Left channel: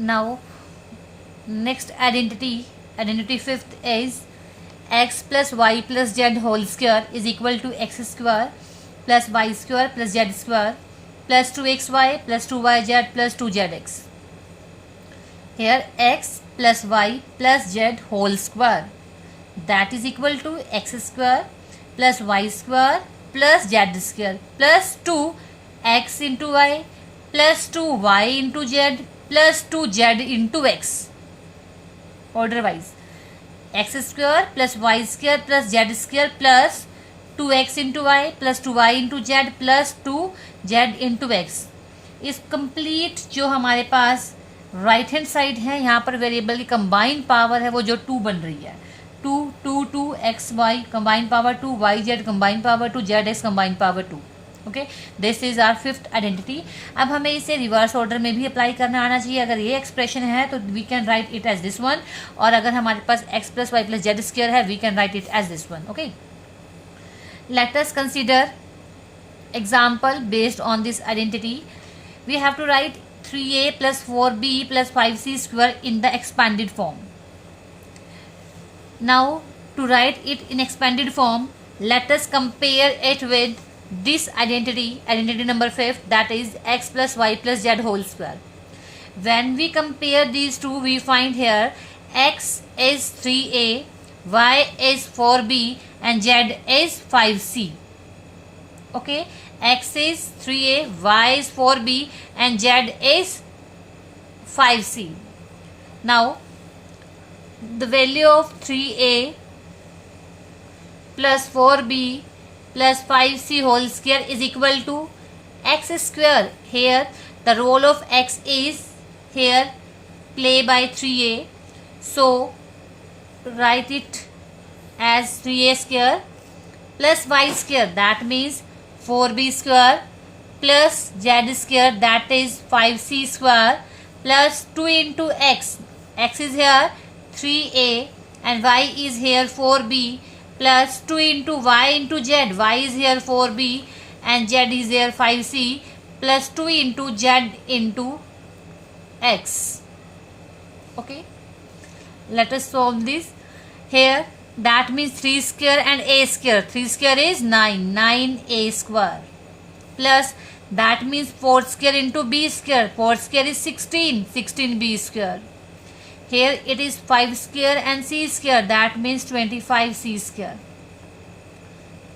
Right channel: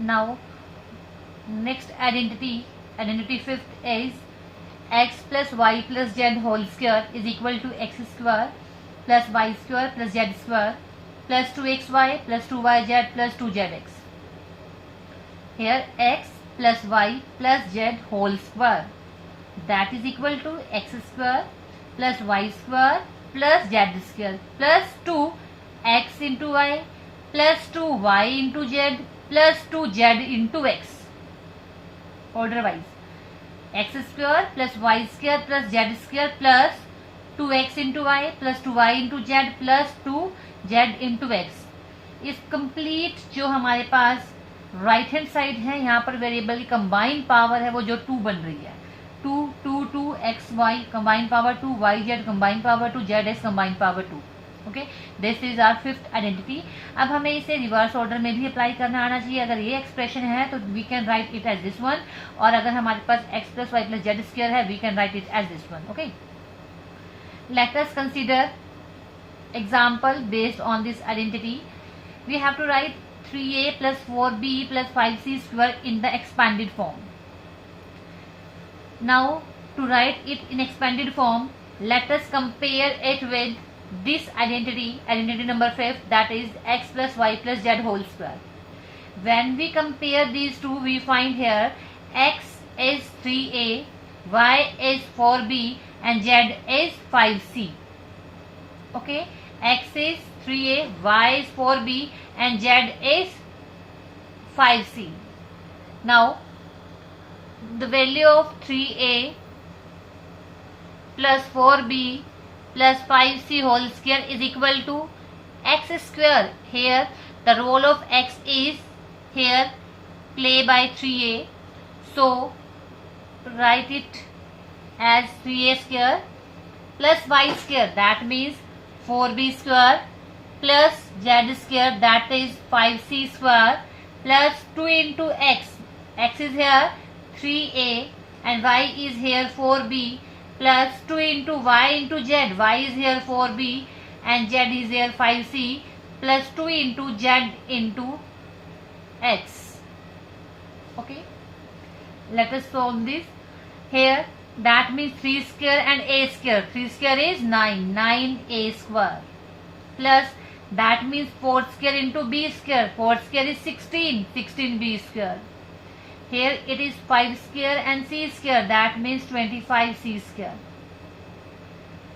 Now next identity fifth is x plus y plus z whole square is equal to x square plus y square plus z square plus 2xy plus 2yz plus 2zx. Here x plus y plus z whole square, that is equal to x square plus y square plus z square plus 2x into y plus 2y into z plus 2z into x. Order wise, x square plus y square plus z square plus 2x into y plus 2y into z plus 2z into x. इस complete जो हमारे पास right hand side है, यहाँ पर variable की combined power है वो जो 2 बन रही है, 2 X Y combined power 2, Y Z combined power 2, Z X combined power 2. Okay, this is our fifth identity. अब हमें इसे रिवर्स ऑर्डर में भी अप्लाई करना आना चाहिए. अगर ये एक्सप्रेशन है तो we can write it as this one, और अगर हमारे पास x plus y plus z square है we can write it as this one. Okay, let us consider example based on this identity. We have to write 3a plus 4b plus 5c square in the expanded form. Now to write it in expanded form, let us compare it with this identity number 5, that is x plus y plus z whole square. When we compare these two, we find here x is 3a, y is 4b and z is 5c. Okay, x is 3a, y is 4b and z is 5c. Now the value of 3a plus 4b plus 5c whole square is equal to x square. Here the role of x is here play by 3a, so write it as 3a square plus y square, that means 4b square plus z square, that is 5c square plus 2 into x. X is here 3a and y is here 4b plus 2 into y into z. Y is here 4b and z is here 5c plus 2 into z into x. Okay, let us solve this. Here that means 3 square and a square. 3 square is 9, 9a square plus that means 4 square into b square. 4 square is 16, 16b square. Here it is 5 square and c square, that means 25c square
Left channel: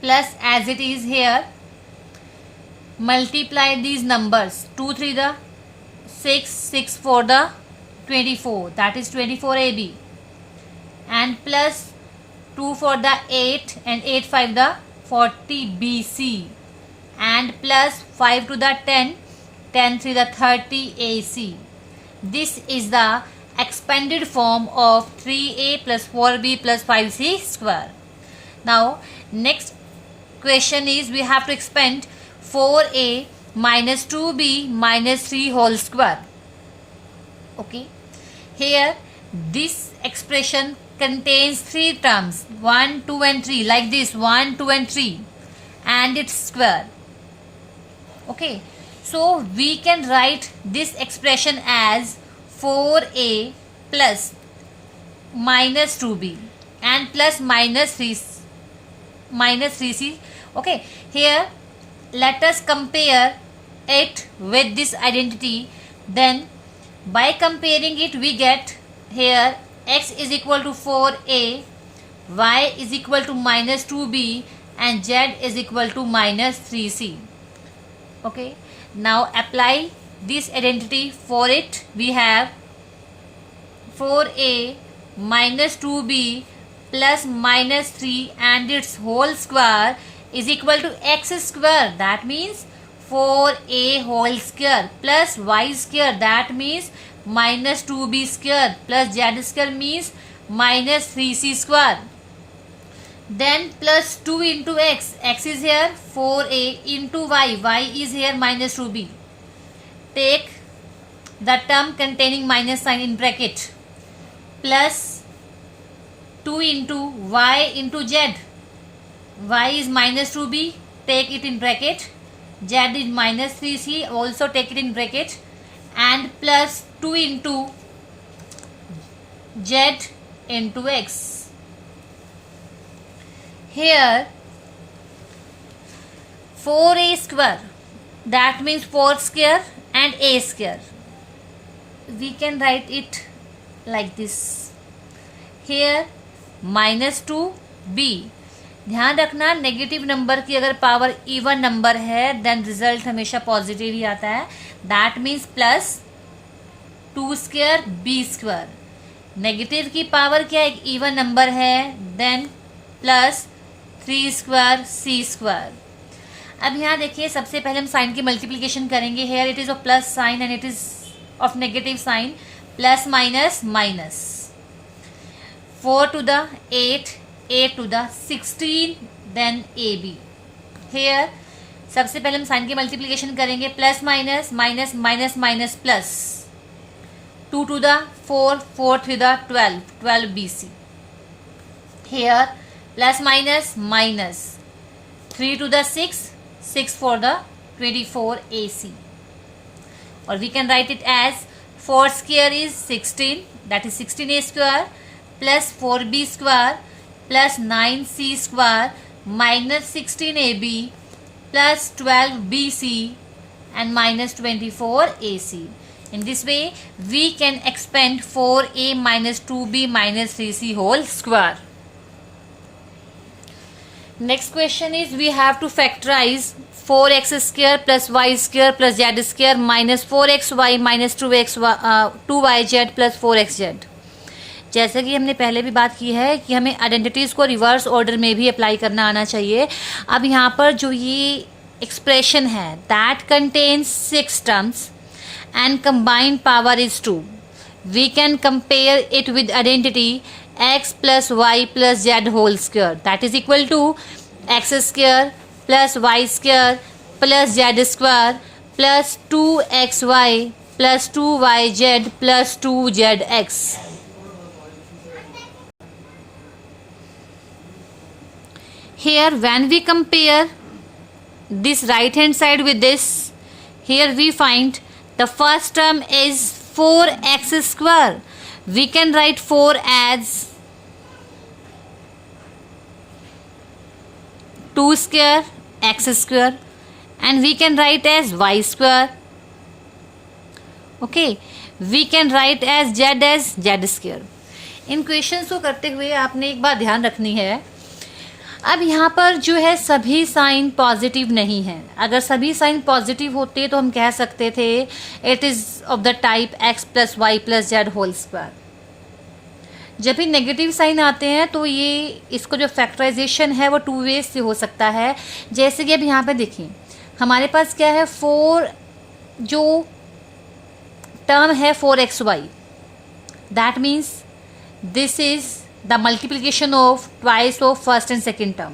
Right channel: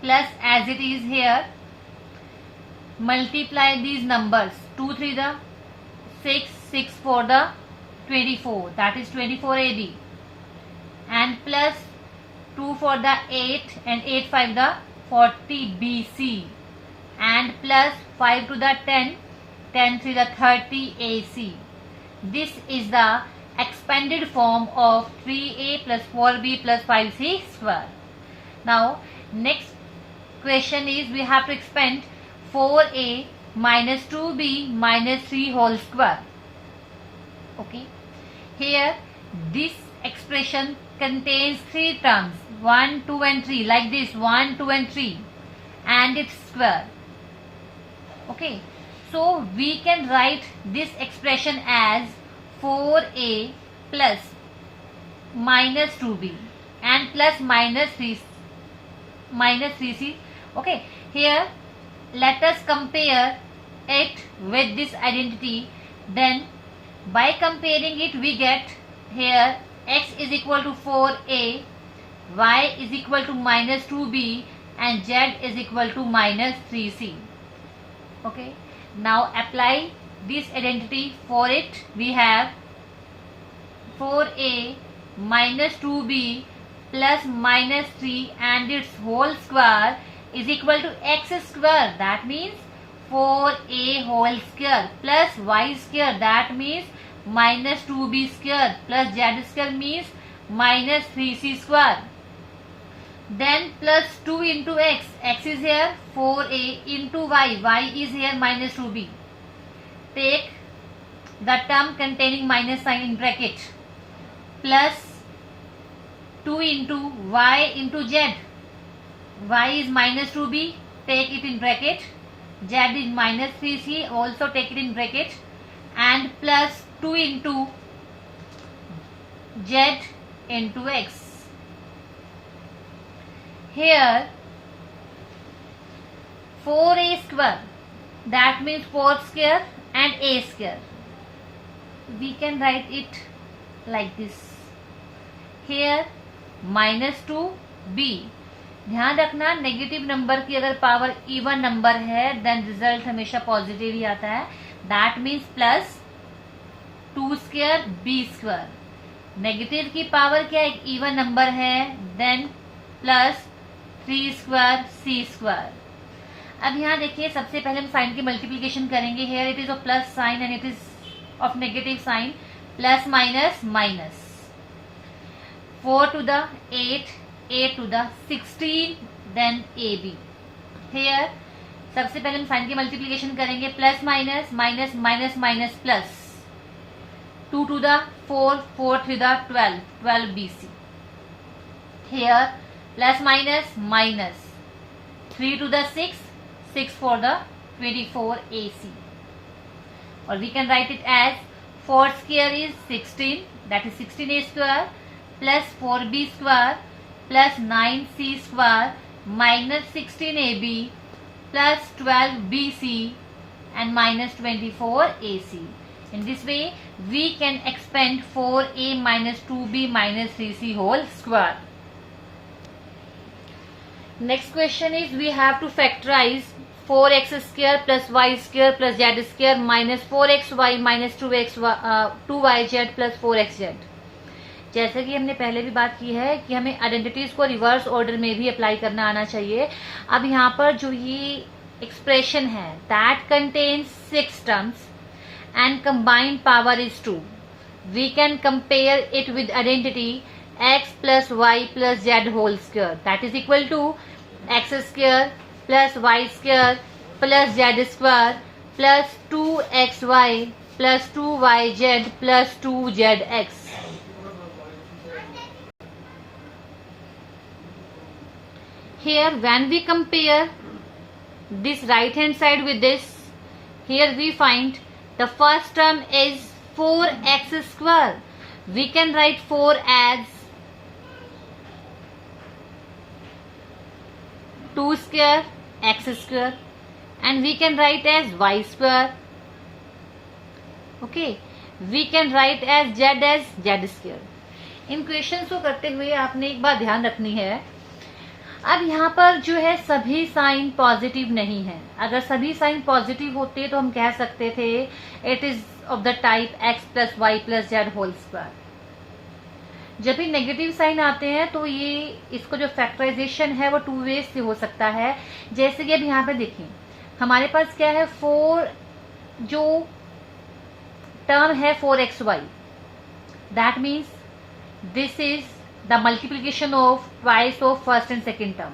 plus as it is here multiply these numbers, 2 3 the 6, 6 4 the 24, that is 24ab and plus 2 for the 8 and 8 5 the 40bc and plus 5 to the 10, 10 3 the 30ac. This is the expanded form of 3a plus 4b plus 5c square. Now next question is we have to expand 4a minus 2b minus 3 whole square. Okay, here this expression contains 3 terms, 1 2 and 3, like this 1 2 and 3 and its square. Okay, so we can write this expression as 4a plus minus 2b and plus minus 3c. Okay, here let us compare it with this identity. Then by comparing it we get here x is equal to 4a, y is equal to minus 2b and z is equal to minus 3c. Okay, now apply this identity for it. We have 4a minus 2b plus minus 3 and its whole square is equal to x square, that means 4a whole square plus y square, that means minus 2b square plus z square means minus 3c square. Then plus 2 into x, x is here 4a into y, y is here minus 2b. Take the term containing minus sign in bracket plus 2 into y into z, y is minus 2b, take it in bracket, z is minus 3c, also take it in bracket, and and plus 2 into z into x. Here 4a square, that means 4 square and a square. We can write it like this. Here minus 2b. ध्यान रखना negative number की अगर power even number है then result हमेशा positive ही आता है. That means plus 2 square b square. Negative की पावर क्या एक इवन नंबर है then plus 3 square c square. अब यहाँ देखिए सबसे पहले हम साइन की मल्टीप्लीकेशन करेंगे. Here it is of plus sign and it is of negative sign. Plus minus minus 4 to the 8, 8 to the 16, then AB. Here सबसे पहले हम साइन की मल्टीप्लीकेशन करेंगे. Plus minus minus minus minus plus 2 to the 4, 4 to the 12, 12 BC. Here plus minus minus 3 to the 6, 6 for the 24 AC. Or we can write it as 4 square is 16, that is 16a square plus 4b square plus 9c square minus 16ab plus 12bc and minus 24ac. In this way we can expand 4a minus 2b minus 3c whole square. Next question is we have to factorize 4x square plus y square plus z square minus 4xy minus 2yz plus 4xz. जैसे कि हमने पहले भी बात की है कि हमें आइडेंटिटीज़ को रिवर्स ऑर्डर में भी अप्लाई करना आना चाहिए. अब यहाँ पर जो ये एक्सप्रेशन है that contains 6 terms and combined power is 2. We can compare it with identity x plus y plus z whole square, that is equal to x square plus y square plus z square plus 2xy plus 2yz plus 2zx. Here when we compare this right hand side with this, here we find the first term is 4x square. We can write 4 as 2 square x square and we can write as y square. Okay, we can write as z square. In questions को करते हुए आपने एक बात ध्यान रखनी है. अब यहाँ पर जो है सभी साइन पॉजिटिव नहीं है. अगर सभी साइन पॉजिटिव होते तो हम कह सकते थे it is of the type x plus y plus z whole square. जब भी नेगेटिव साइन आते हैं तो ये इसको जो फैक्टराइजेशन है वो 2 वेज से हो सकता है. जैसे कि अब यहाँ पे देखिए हमारे पास क्या है 4 जो टर्म है 4xy, that means this is the multiplication of twice of first and second term.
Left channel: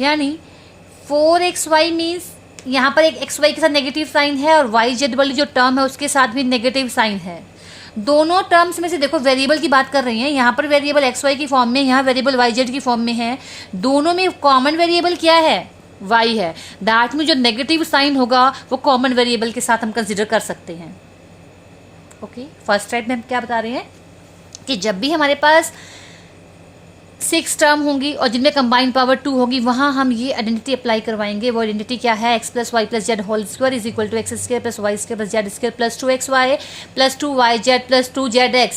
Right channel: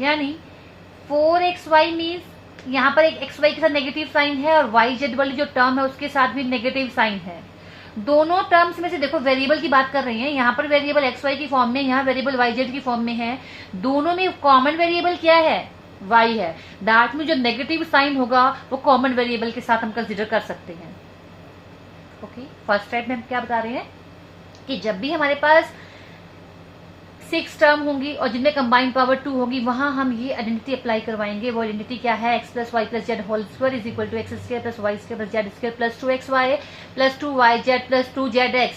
यानी 4xy मीन्स यहाँ पर एक xy के साथ नेगेटिव साइन है और yz वाली जो टर्म है उसके साथ भी नेगेटिव साइन है. दोनों टर्म्स में से देखो वेरिएबल की बात कर रही हैं. यहाँ पर वेरिएबल xy की फॉर्म में, यहाँ वेरिएबल yz की फॉर्म में है. दोनों में कॉमन वेरिएबल क्या है y है. दैट में जो नेगेटिव साइन होगा वो कॉमन वेरिएबल के साथ हम कंसिडर कर सकते हैं. ओके, फर्स्ट टाइप में हम क्या बता रहे हैं कि जब भी हमारे पास 6 टर्म होंगी और जिनमें कंबाइंड पावर 2 होगी वहां हम ये आइडेंटिटी अप्लाई करवाएंगे. वो आइडेंटिटी क्या है x plus y plus z whole square is equal to x square plus y square plus z square plus 2xy plus 2yz plus 2zx.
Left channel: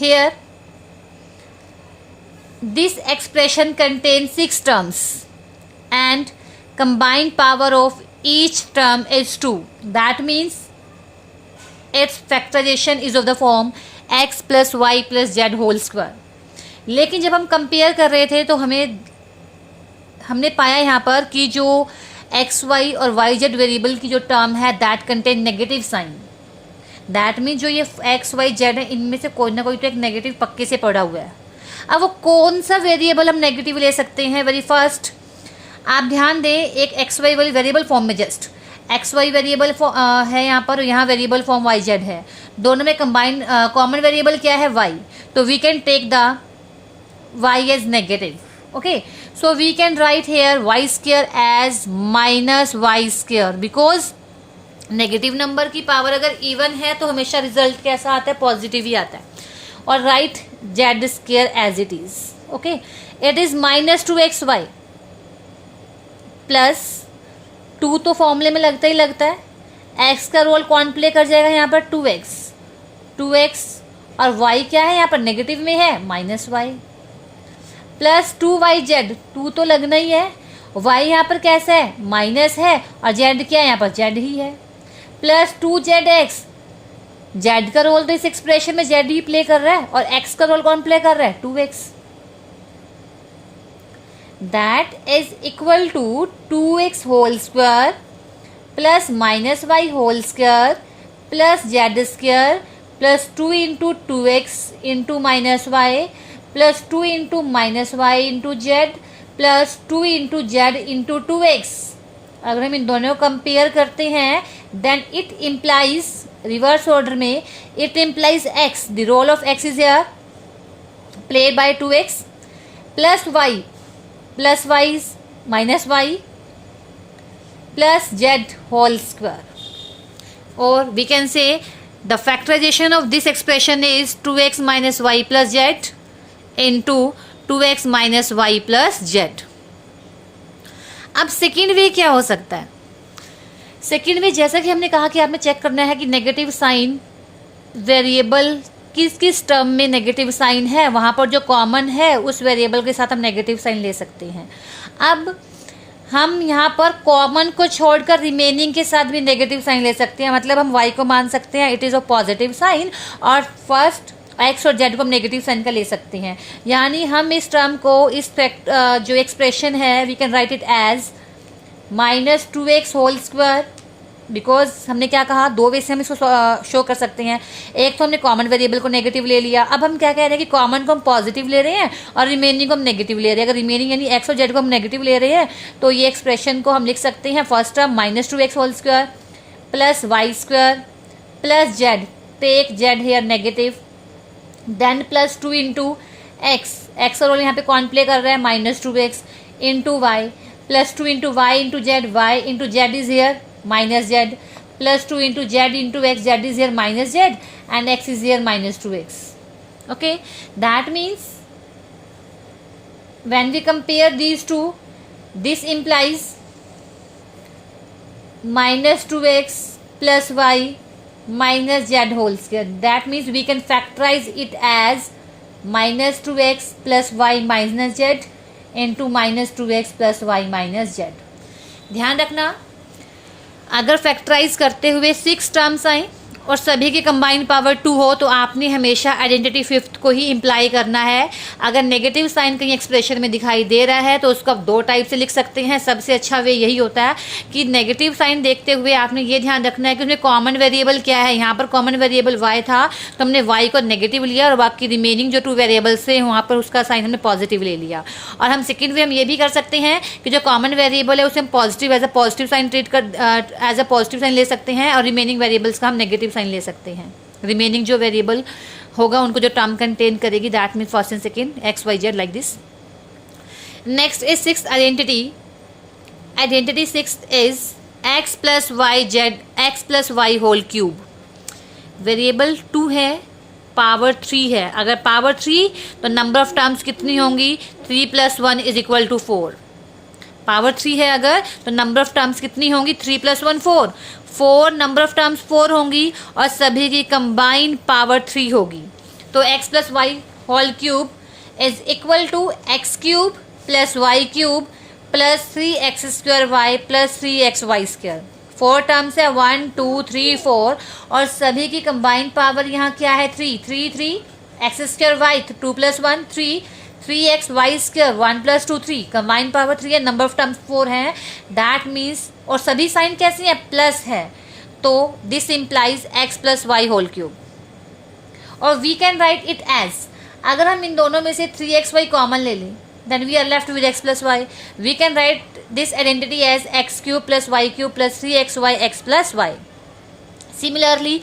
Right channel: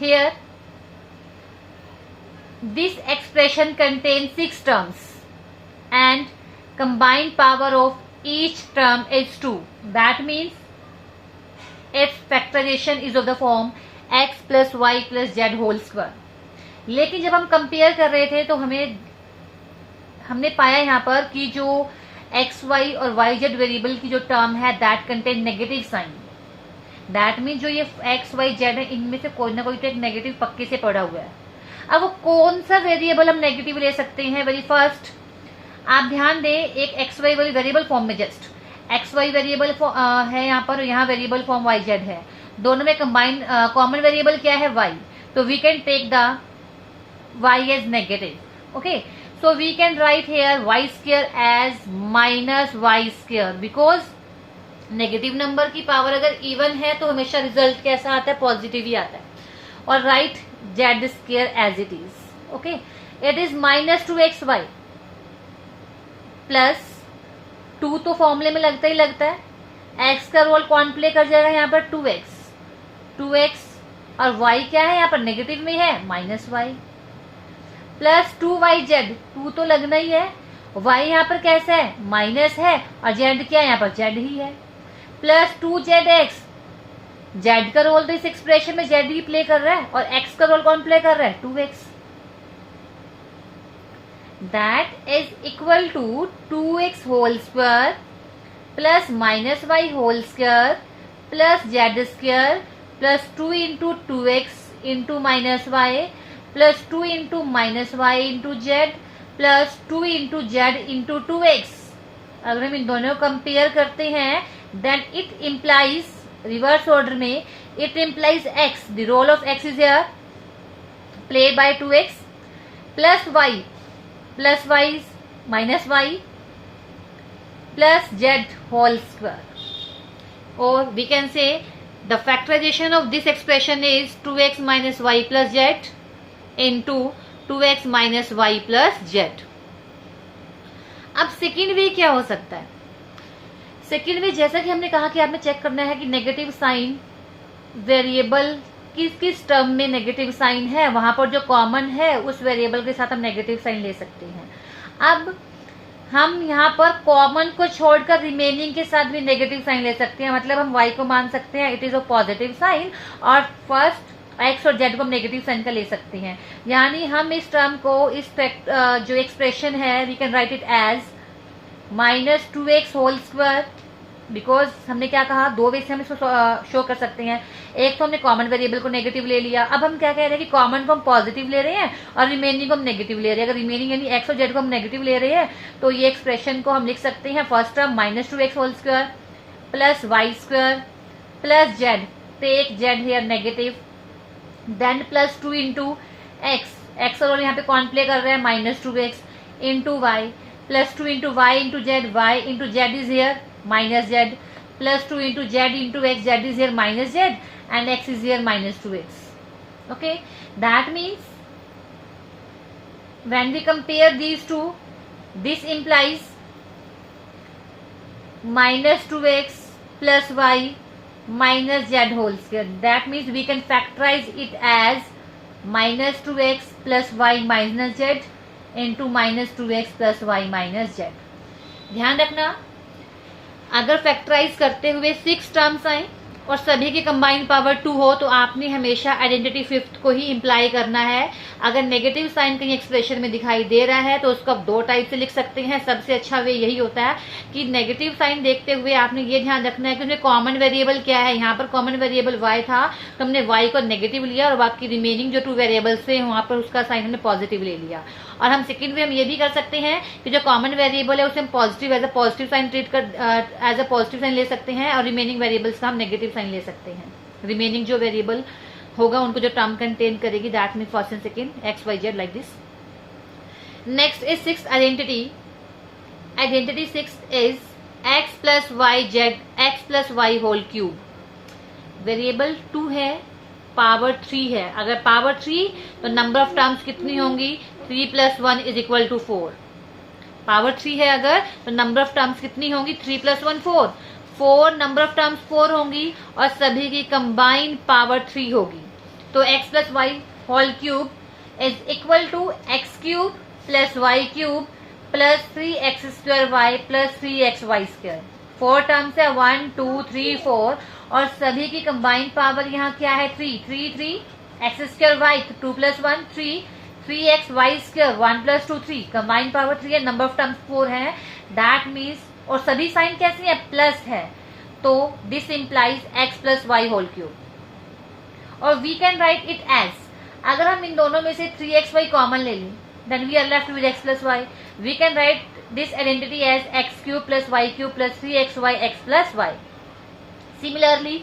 Here this expression contains 6 terms and combined power of each term is 2. That means its factorization is of the form x plus y plus z whole square. लेकिन जब हम compare कर रहे थे तो हमने पाया यहाँ पर कि जो एक्स वाई और वाई जेड वेरिएबल की जो टर्म है that contain negative sign. That mean जो ये एक्स वाई जेड है इनमें से कोई ना कोई तो एक नेगेटिव पक्के से पड़ा हुआ है. अब वो कौन सा वेरिएबल हम नेगेटिव ले सकते हैं? वेरी फर्स्ट आप ध्यान दें, एक एक्स वाई वाली वेरिएबल फॉर्म में जस्ट एक्स वाई वेरिएबल है यहाँ पर, यहाँ वेरिएबल फॉर्म वाई जेड है. दोनों में कंबाइंड कॉमन वेरिएबल क्या है वाई. तो we can take the y as negative. Okay, so we can write here y square as minus y square because negative number की पावर अगर even है तो हमेशा रिजल्ट कैसा आता है, पॉजिटिव ही आता है. और write z square as it is. Okay, it is -2xy plus 2 तो फॉर्मूले में लगता ही लगता है. x का रोल कौन प्ले कर जाएगा यहाँ पर, 2x और y क्या है यहाँ पर, नेगेटिव में है, -y प्लस 2yz. 2 तो लगना ही है. y यहाँ पर कैसा है, माइनस है, और z क्या है यहाँ पर, z ही है. Plus 2zx. z का रोल तो इस एक्सप्रेशन में z ही प्ले कर रहा है, और x का रोल कौन प्ले कर रहा है, 2x. That is equal to 2x whole square plus -y whole square plus z square plus 2 into 2x into -y plus 2 into -y into z plus 2 into z into 2x. अगर हम इन दोनों को compare करते हैं then it implies, reverse order में, it implies x, the role of x is here played by 2x plus y minus y plus z whole square. और we can say the factorization of this expression is 2x minus y plus z into 2x minus y plus z. अब second way क्या हो सकता है? Second way जैसा कि हमने कहा कि आपने चेक करना है कि नेगेटिव साइन वेरिएबल किस किस टर्म में नेगेटिव साइन है, वहां पर जो कॉमन है उस वेरिएबल के साथ हम नेगेटिव साइन ले सकते हैं. अब हम यहाँ पर कॉमन को छोड़कर रिमेनिंग के साथ भी नेगेटिव साइन ले सकते हैं. मतलब हम y को मान सकते हैं it is a positive sign, और फर्स्ट x और z को हम नेगेटिव साइन का ले सकते हैं. यानी हम इस टर्म को, इस जो एक्सप्रेशन है, we can write it as -2x whole square. Because हमने क्या कहा, दो वे से हम इसको शो कर सकते हैं. एक तो हमने कॉमन वेरिएबल को नेगेटिव ले लिया. अब हम क्या कह रहे हैं कि कॉमन को हम पॉजिटिव ले रहे हैं और रिमेनिंग को हम नेगेटिव ले रहे हैं. अगर रिमेनिंग यानी x और z को हम नेगेटिव ले रहे हैं तो ये एक्सप्रेशन को हम लिख सकते हैं first term -2x whole square plus y square plus z, take z here negative, then plus 2 into x का रोल यहाँ पे कौन प्ले कर रहा है, -2x into y plus 2 into y into z, y into z is here minus z plus 2 into z into x, z is here minus z and x is here -2x. Okay, that means when we compare these two, this implies -2x plus y minus z whole square. That means we can factorize it as -2x plus y minus z into -2x plus y minus z. ध्यान रखना, अगर factorise करते हुए 6 terms आए और सभी की combined power 2 हो तो आपने हमेशा आइडेंटिटी फिफ्थ को ही इम्प्लाई करना है. अगर नेगेटिव साइन कहीं एक्सप्रेशन में दिखाई दे रहा है तो उसको आप 2 टाइप से लिख सकते हैं. सबसे अच्छा वे यही होता है कि नेगेटिव साइन देखते हुए आपने ये ध्यान रखना है कि उसमें कॉमन वेरिएबल क्या है. यहाँ पर कॉमन वेरिएबल y था तो हमने y को नेगेटिव लिया और बाकी रिमेनिंग जो 2 वेरिएबल्स थे वहाँ पर उसका साइन हमने पॉजिटिव ले लिया. और हम सेकेंड वे हम ये भी कर सकते हैं कि जो कॉमन वेरिएबल है उसे हम positive as a positive sign treat कर एज अ पॉजिटिव साइन ले सकते हैं और रिमेनिंग वेरिएबल्स का हम नेगेटिव साइन ले सकते हैं. रिमेनिंग जो वेरिएबल होगा उनको जो टर्म कंटेन करेगी, that mean first and second x y z like this. Next is sixth identity sixth is x plus y z x plus y whole cube. Variable 2 है, power 3 है. अगर power 3 तो number of terms कितनी होंगी, 3 + 1 is equal to 4. Power 3 है अगर तो number of terms कितनी होंगी, 3 + 1 4. 4 नंबर ऑफ टर्म्स 4 होंगी और सभी की कंबाइंड पावर 3 होगी. तो x plus y whole cube is equal to x cube plus y cube plus 3x² y plus 3xy square. 4 terms है, 1 2 3 4 और सभी की कंबाइंड पावर यहाँ क्या है, 3 x² y 2 + 1 3 3xy square 1 + 2 3. Combined power 3 है, नंबर ऑफ टर्म्स 4 है. That means, और सभी साइन कैसी है, प्लस है. तो this implies x plus y whole cube. और we can write it as, अगर हम इन दोनों में से 3xy कॉमन ले लें then we are left with x plus y. We can write this identity as x³ plus y³ plus 3xy x plus y. Similarly,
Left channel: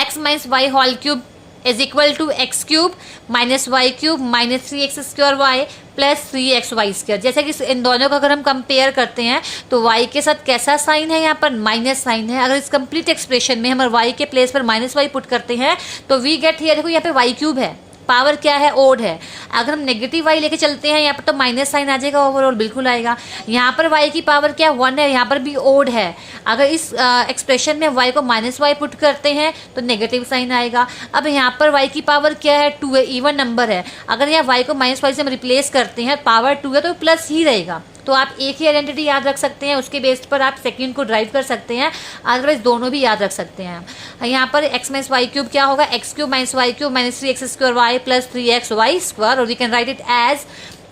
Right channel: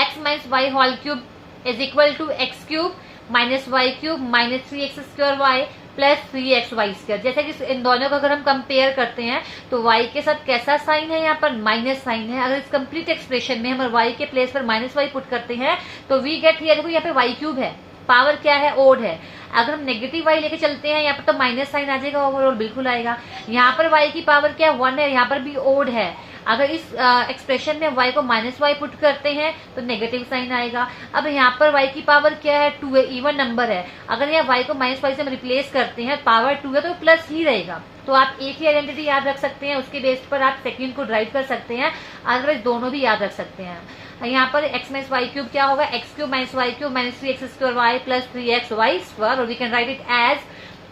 x minus y whole cube is equal to x cube minus y cube minus 3x² y plus 3xy²। जैसे कि इन दोनों को अगर हम compare करते हैं तो y के साथ कैसा साइन है, यहाँ पर माइनस साइन है। अगर इस कंप्लीट एक्सप्रेशन में हम y के प्लेस पर माइनस वाई पुट करते हैं तो वी गेट हियर, देखो यहाँ पे y³ है, पावर क्या है, ओड है। अगर हम नेगेटिव y लेके चलते हैं यहाँ पर तो माइनस साइन आ जाएगा, ओवरऑल बिल्कुल आएगा। यहाँ पर y की पावर क्या 1 है, यहाँ पर भी ओड है। अगर इस एक्सप्रेशन में y को माइनस वाई पुट करते हैं तो नेगेटिव साइन आएगा। अब यहाँ पर y की पावर क्या है 2 है, इवन नंबर है। अगर यहाँ y को माइनस वाई से हम रिप्लेस करते हैं, पावर 2 है तो प्लस ही रहेगा। तो आप एक ही आइडेंटिटी याद रख सकते हैं, उसके बेस पर आप सेकंड को ड्राइव कर सकते हैं, अदरवाइज दोनों भी याद रख सकते हैं। यहाँ पर x माइनस वाई क्यूब क्या होगा, x³ minus y cube minus 3x² y plus 3xy², और we can write it as,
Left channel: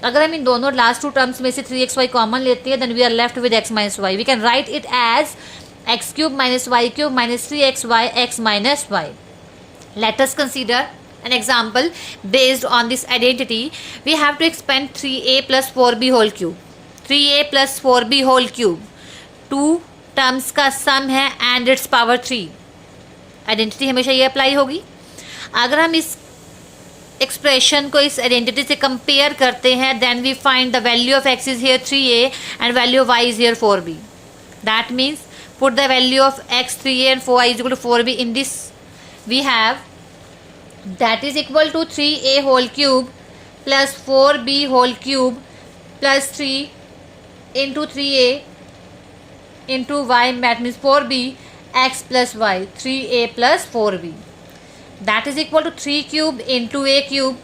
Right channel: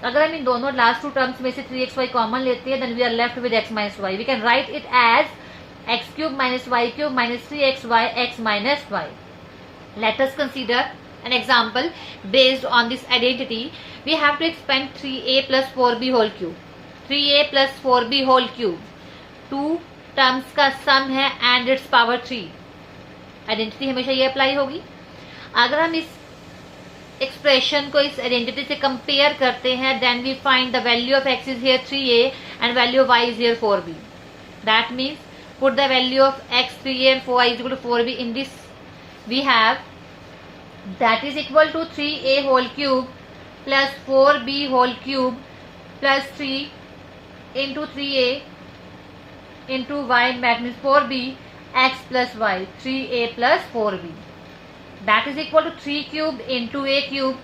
अगर हम इन दोनों लास्ट टू टर्म्स में से 3xy कॉमन लेते हैं then we are left with x minus y. We can write it as x³ minus y cube minus 3xy x minus y. Let us consider an example based on this identity. We have to expand 3a plus 4b whole cube. 3a plus 4b whole cube, two terms का sum है and it's power 3। Identity हमेशा ये apply होगी। अगर हम इस expression को इस आइडेंटिटी से कंपेयर करते हैं then we find the value of x is here 3a and value of y is here 4b। That means put the value of x 3a and 4y is equal to 4b in this we have, that is equal to 3a whole cube plus 4b whole cube plus 3 into 3a into y, that means 4b x plus y, 3a plus 4b, that is equal to 3 cube into a cube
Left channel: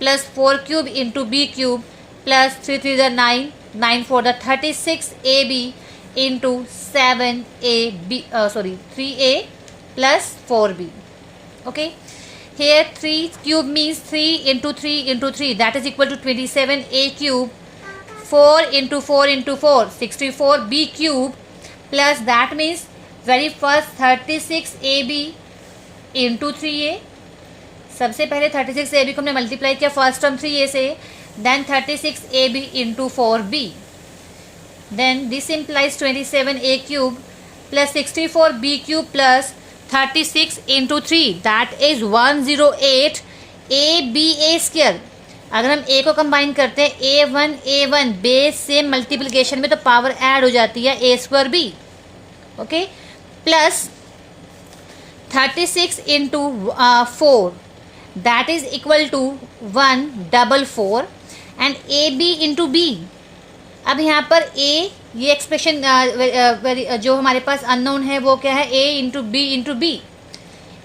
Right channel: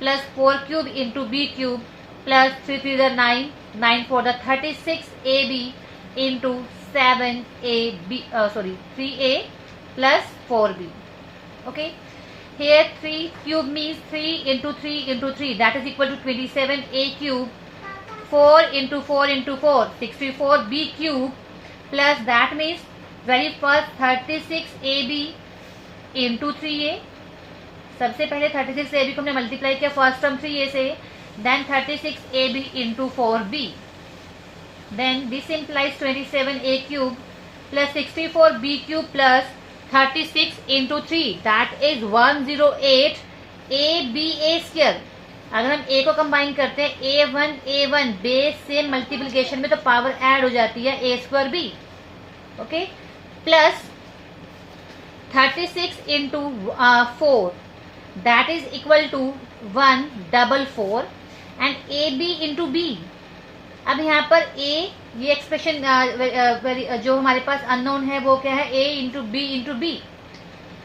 plus 4 cube into b cube plus 3 3 the 9, 9 4 the 36ab into 7ab, 3a plus 4b. Okay, here 3 cube means 3 into 3 into 3, that is equal to 27a cube, 4 into 4 into 4, 64b cube plus that means very first 36ab into 3a। सबसे पहले 36ab को हमने multiply किया first term 3a से, then 36ab into 4b, then this implies 27a cube plus 64b cube plus 36 into 3, that is 108 aba²। अगर हम a को combine करते हैं a1 बेस से मल्टीप्लिकेशन में तो पावर ऐड हो जाती है a²b, okay, plus 36 into 4 that is equal to 144 and ab into b। अब यहाँ पर a, ये एक्सप्रेशन जो हमारे पास अननोन है वो क्या है, a into b into b,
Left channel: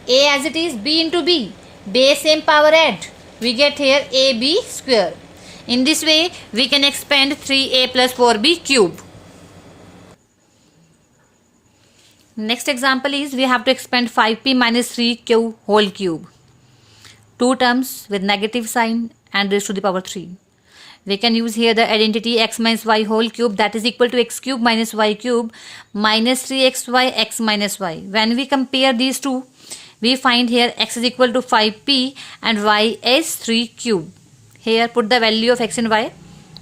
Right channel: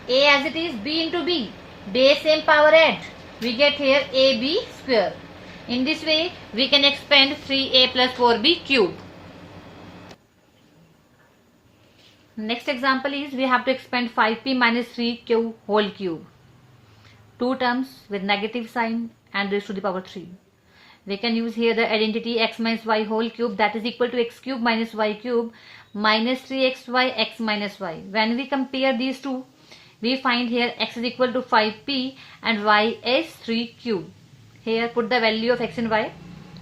a as it is b into b, base same power add, we get here ab square. In this way we can expand 3a plus 4b cube. Next example is we have to expand 5p minus 3q whole cube. Two terms with negative sign and raised to the power 3. We can use here the identity x minus y whole cube, that is equal to x cube minus y cube minus 3xy x minus y. When we compare these two, we find here x is equal to 5p and y is 3 cube. Here put the value of x and y,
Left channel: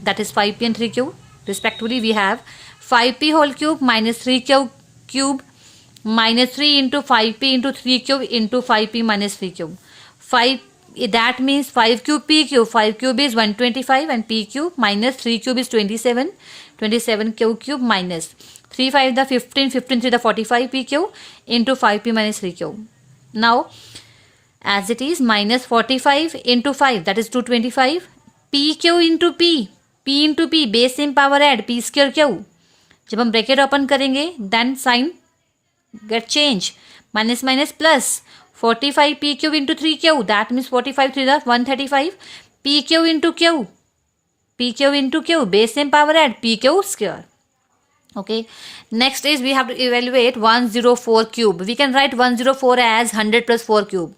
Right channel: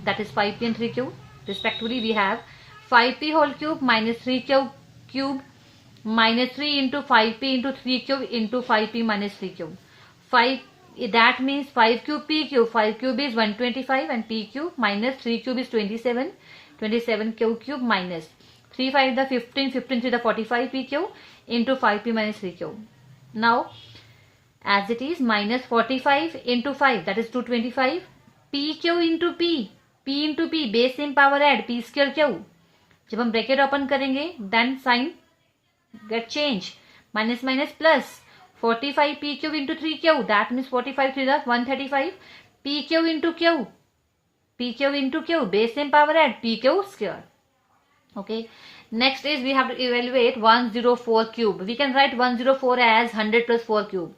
that is 5p and 3 cube. Respectively we have 5p whole cube minus 3 cube minus 3 into 5p into 3 cube into 5p minus 3 cube. 5, that means 5 cube p cube, 5 cube is 125 and p cube minus 3 cube is 27, 27 q cube minus 3 5 the 15, 15 3 the 45 p cube into 5p minus 3 cube. Now as it is minus 45 into 5 that is 225, pq into p into p, base same power add, p square q. जब हम bracket open करेंगे then sign get change, minus minus plus 45 p q into 3 q, that means 45 3 the 135, p q into q, base same power add, p q square. Okay, next is we have to evaluate 104 cube. We can write 104 as 100 plus 4 cube.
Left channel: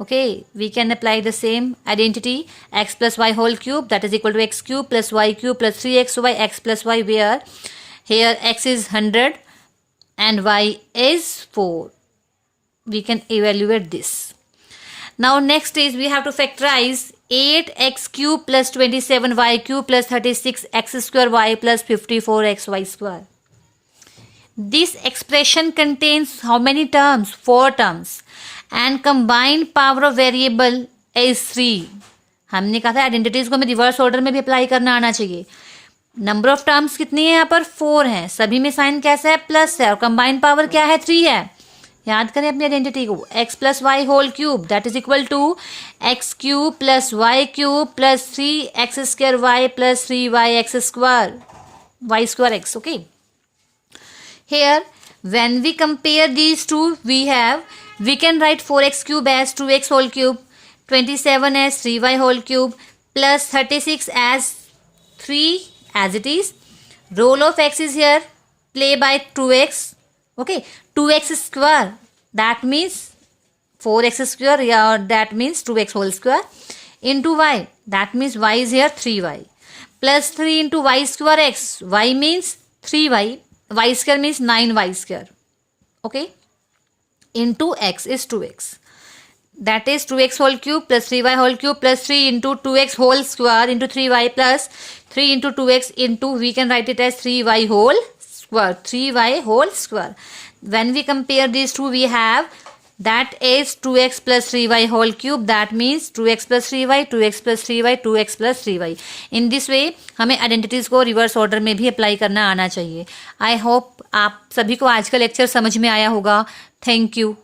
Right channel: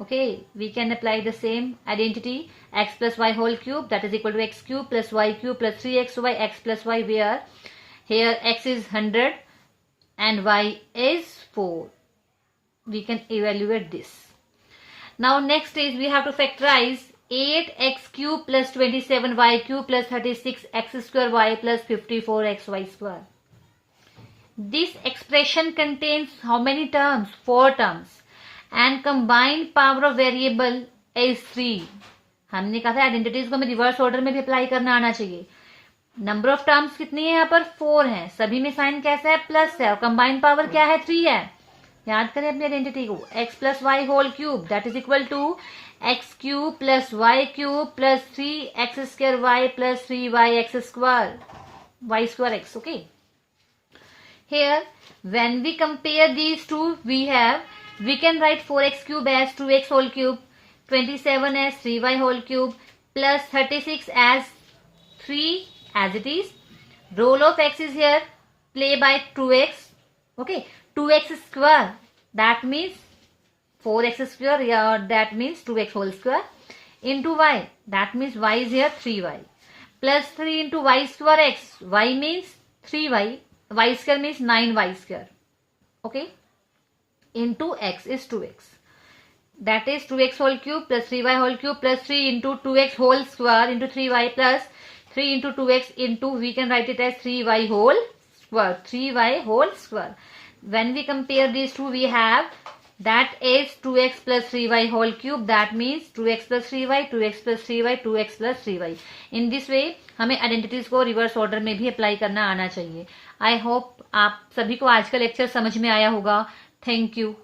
Okay, we can apply the same identity x plus y whole cube, that is equal to x cube plus y cube plus 3xy x plus y, where here x is 100 and y is 4. We can evaluate this. Now next is we have to factorize 8x cube plus 27y cube plus 36x square y plus 54xy square. This expression contains how many terms? 4 terms. And combined power of variable is 3. हमने कहा था identities को हमें reverse order में भी apply करना आना चाहिए. नंबर ऑफ टर्म्स कितनी है यहाँ पर 4 है, सभी में साइन कैसा है प्लस है, और कंबाइंड पावर क्या है 3 है. याद करें अपनी आइडेंटिटी को, x plus y whole cube that is equal to x cube plus y cube plus 3x square y plus 3y square y square x. Okay, here when we compare these two we can write 4x cube as 2x whole cube, 27 as 3y whole cube plus 36 as 3 as it is. Role of x is here play by 2x. Okay, 2x square that means 4x square, yeah, that means 2x whole square into y that means y is here 3y plus 3 into y square x, y means 3y, y square means 9y square. Okay, into x is 2x, that is 2x whole cube plus 3y whole cube plus 3 into 2x whole square into 3y plus 3 into 2x into, we can write it as 3y whole square, 3y whole square. When we compare these two we have that is 2x plus 3y whole cube, that means 2x plus 3y, 2x plus 3y, 2x plus 3y. in this way हमें identities को reverse order में भी apply करना आना चाहिए. I hope आप सभी को आज का लेक्चर समझ में आया होगा. Thank you.